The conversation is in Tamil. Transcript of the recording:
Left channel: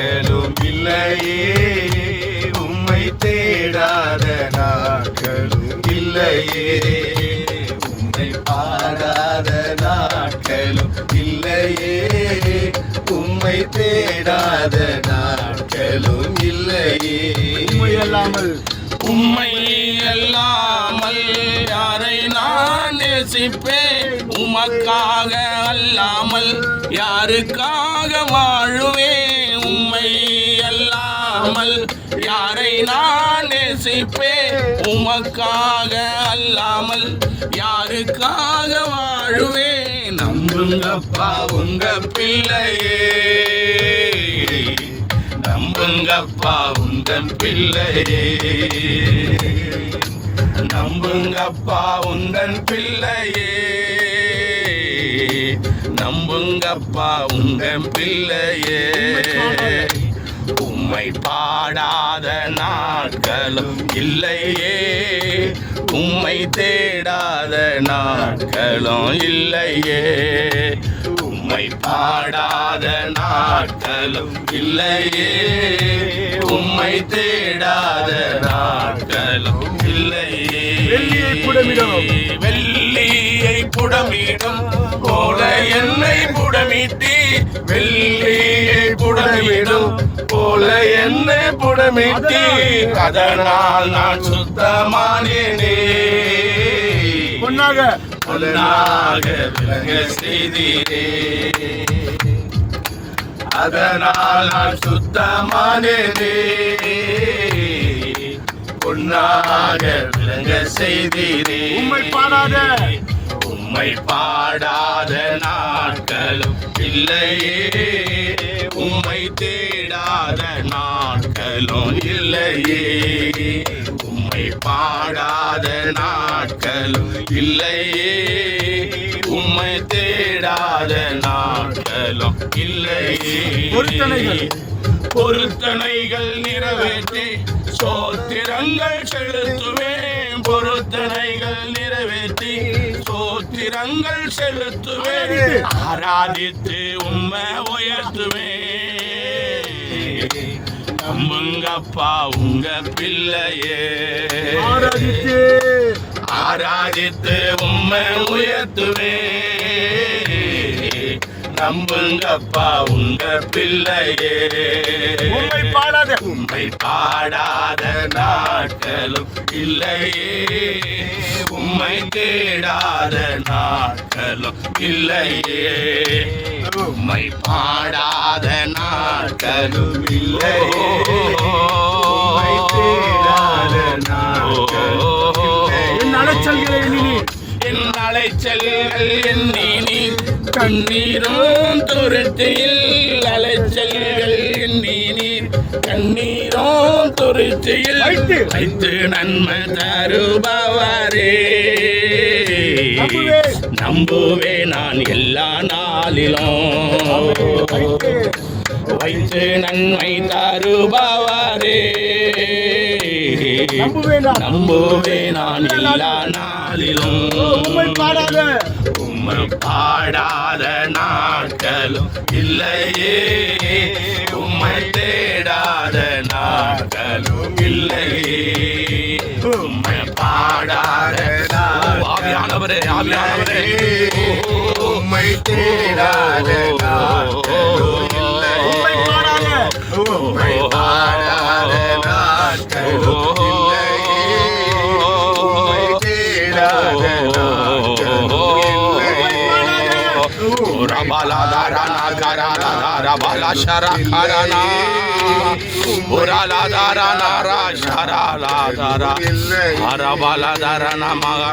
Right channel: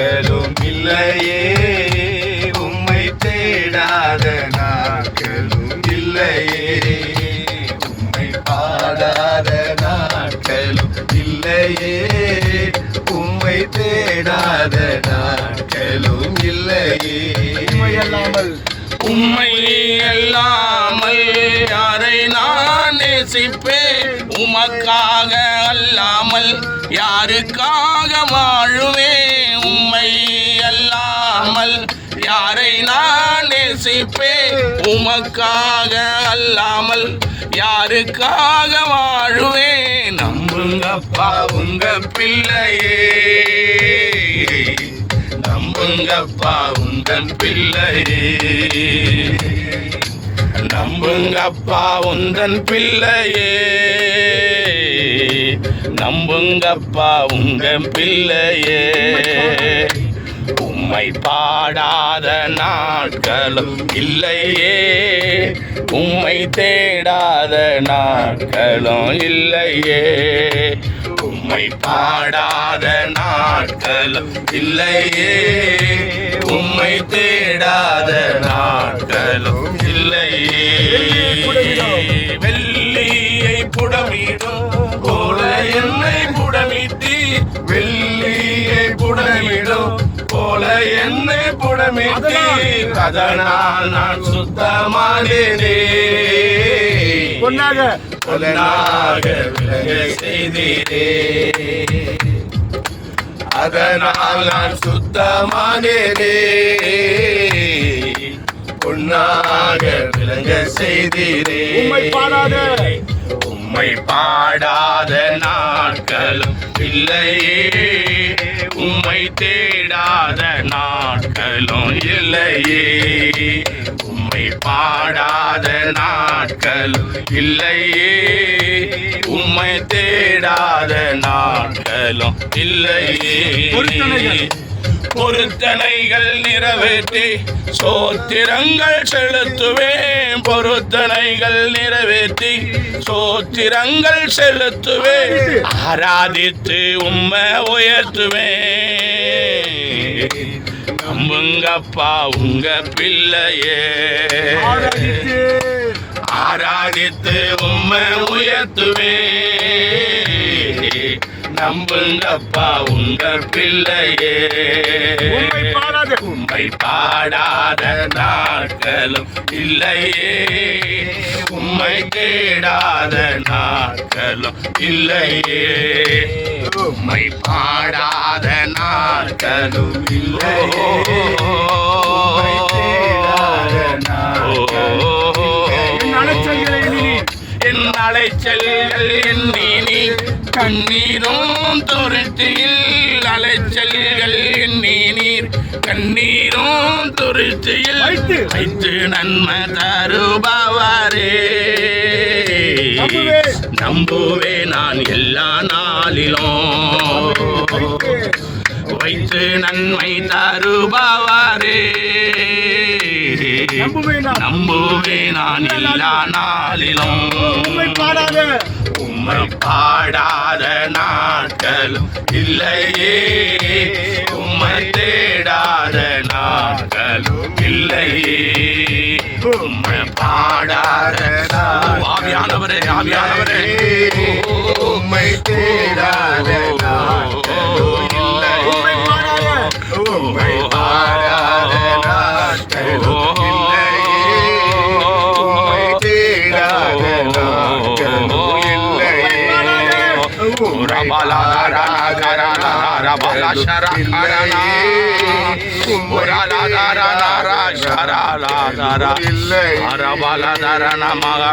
நாட்களும் இல்லையே, உம்மை தேடாத நாட்களும் இல்லையே, உம்மை பாடாத நாட்களும் இல்லையே, உம்மை தேடாத நாட்களும் இல்லையே. உம்மை அல்லாமல் யாரை நான் நேசிப்பேன்? உமக்காக அல்லாமல் யாருக்காக வாழுவேன்? உம்மை அல்லாமல் யாரை நான் நேசிப்பேன்? உமக்காக அல்லாமல் யாருக்காக வாழுவேன்? நம்புங்கப்பா உங்க பிள்ளையே, நம்புங்கப்பா உங்க பிள்ளையே, நம்புங்கப்பா உந்தன் பிள்ளையே, நம்புங்கப்பா உங்க பிள்ளையே. உம்மை பாடாத நாட்களும் இல்லையே, உம்மை தேடாத நாட்களும் இல்லையே, உம்மை பாடாத நாட்களும் இல்லையே, உம்மை தேடாத நாட்களும் இல்லையே. வெள்ளியை புடமிடும் போல என்னை புடமிட்டி, வெள்ளியை புடமிடும் போல என்னை புடமிட்டி, அதனால் நான் சுத்தமானேனே. பொன்னாக விளங்க செய்தீரே, அதனால் நான் சுத்தமானேனே. பொன்னாக விளங்க செய்தீரே. உம்மை பாடாத நாட்களும் இல்லையே, உம்மை தேடாத நாட்களும் இல்லையே, உம்மை பாடாத நாட்களும் இல்லையே, உம்மை தேடாத நாட்களும் இல்லையே. பொருத்தனைகள் நிறைவேற்றி சோத்திரங்கள் செலுத்துவேன், பொருத்தனைகள் நிறைவேற்றி சோத்திரங்கள் செலுத்துவேன், ஆராதித்து உம்மை உயர்த்துவேன். நம்புங்கப்பா உங்க பிள்ளையே, ஆராதித்து உம்மை உயர்த்துவேன். நம்புங்கப்பா உங்க பிள்ளையே, உம்மை பாடாத நாட்களும் இல்லையே, உம்மை தேடாத நாட்களும் இல்லையே, உம்மை பாடாத நாட்களும் இல்லையே, உம்மை தேடாத என் அலைச்சல்கள் எண்ணி கண்ணீரும் துருத்தியில், அலைச்சல்கள் எண்ணி நீர் கண்ணீரும் துருத்தியில் வைத்து நன்மை தருபவரே. நம்புவே நான் எல்லா நாளிலும் வைத்து நன்மை தருபவரே. நம்புவே நான் எல்லா நாளிலும் உம்மை பாடாத நாட்களும் இல்லையே, உம்மை தேடாத நாட்களும் இல்லையே, உம்மை பாடாத. ஆவியானவரே, ஆவியானவரே, உம்மை தேடாத நாட்களும் இல்லையே, உம்மை பாடாத நாட்களும் இல்லையே, உம்மை தேடாத Rabala darana karana rabala shara karana urala darana ra shara la dara rabala darana maga